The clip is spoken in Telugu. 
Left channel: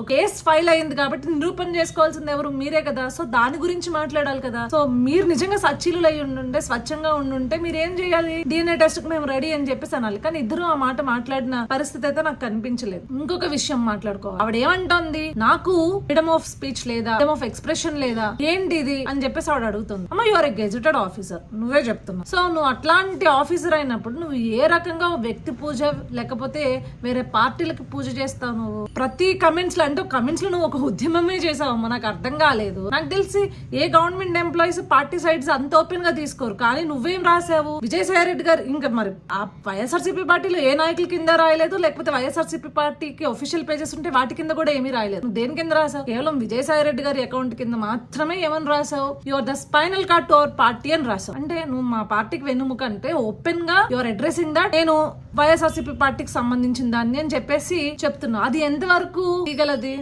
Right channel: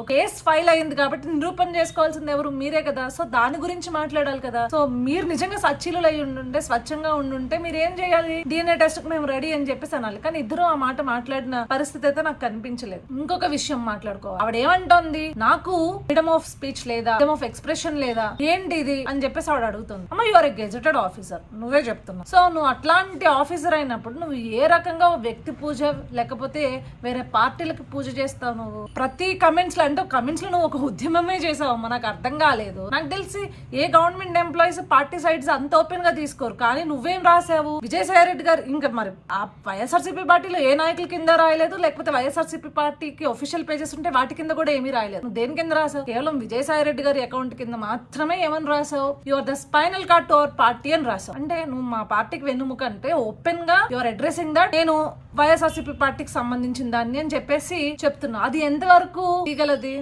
ఒక కేసు ఫైల్ అయింది కాబట్టి నిరూపణ చేసుకోవాల్సింది ఎవరు? మీరే కదా. సో దాని గురించి మాట్లాడాలి కదా. సో మీరు నిజంగా సచ్చీలు అయి ఉండుంటే, స్వచ్ఛంగా ఉండుంటే మీరు ఏం చేయాలి? DNA టెస్ట్ కి మేము రెడీ అని చెప్పేసి అనాలి. కానీ ఇద్దరు ఆ మాట మాట్లాడిన పరిస్థితి అయితే నాకు కనిపించలేదు. ఇంకొక విషయం మాట్లాడుకోవాలి. ఆవిడ ఏమంటోంది, నాకు ఫ్రీడమ్ ఆఫ్ స్పీచ్ లేదా, ఫ్రీడమ్ ఆఫ్ ఎక్స్ప్రెషన్ లేదా, ఏంటి ఇది అని చెప్పేసి ఆవిడ అడుగుతుంది. అమ్మ, you are a gazetted officer, నువ్వే చెప్తున్నావు. సో నువ్వు అట్లాంటి ఆఫీసర్ అయినప్పుడు నువ్వు ఏ రకంగా వ్యక్తి పూజ లేకపోతే వేరే పార్టీలకి పూజ చేస్తావు? నువ్వు ప్రతి కమెంట్స్ అంటే కమెంట్స్ లో నువ్వు ఒక ఉద్యమమే చేసావమ్మా. నాకు అర్థం కాలేదు. నాకు తెలిసి ఏ గవర్నమెంట్ ఎంప్లాయీస్ పార్టీ సైడ్స్ అంత ఓపెన్ గా తీసుకోరు. కానీ నువ్వేం రాసావు? విజయసాయి రెడ్డి గారు ఇంకా మరి ఆ వైఎస్ఆర్సీపీ పార్టీలో ఏ నాయకుల కింద రాయలేదు, లేకపోతే వైఎస్ఆర్సీపీ పార్టీకి ఒఫిషియల్ పేజెస్ ఉంటే వాటి కింద కూడా ఏమీ రాయలేదు. నువ్వు దేని కింద రాసావు? కేవలం విజయసాయి రెడ్డి గారి అకౌంట్ కింద మాత్రమే ఏమని రాసావు? Your the spinal cord to our party అని రాసావు. అంటే నువ్వు మా పార్టీకి వెన్నుముక అంటే ఓపెన్ గా యువర్ అడ్రెసింగ్ దట్ నేను వైఎస్ఆర్సీపీ పార్టీకి సంబంధించిన దాన్ని అని చెప్పేసి చెప్తున్నా. అది ఎంతవరకు తీగలది?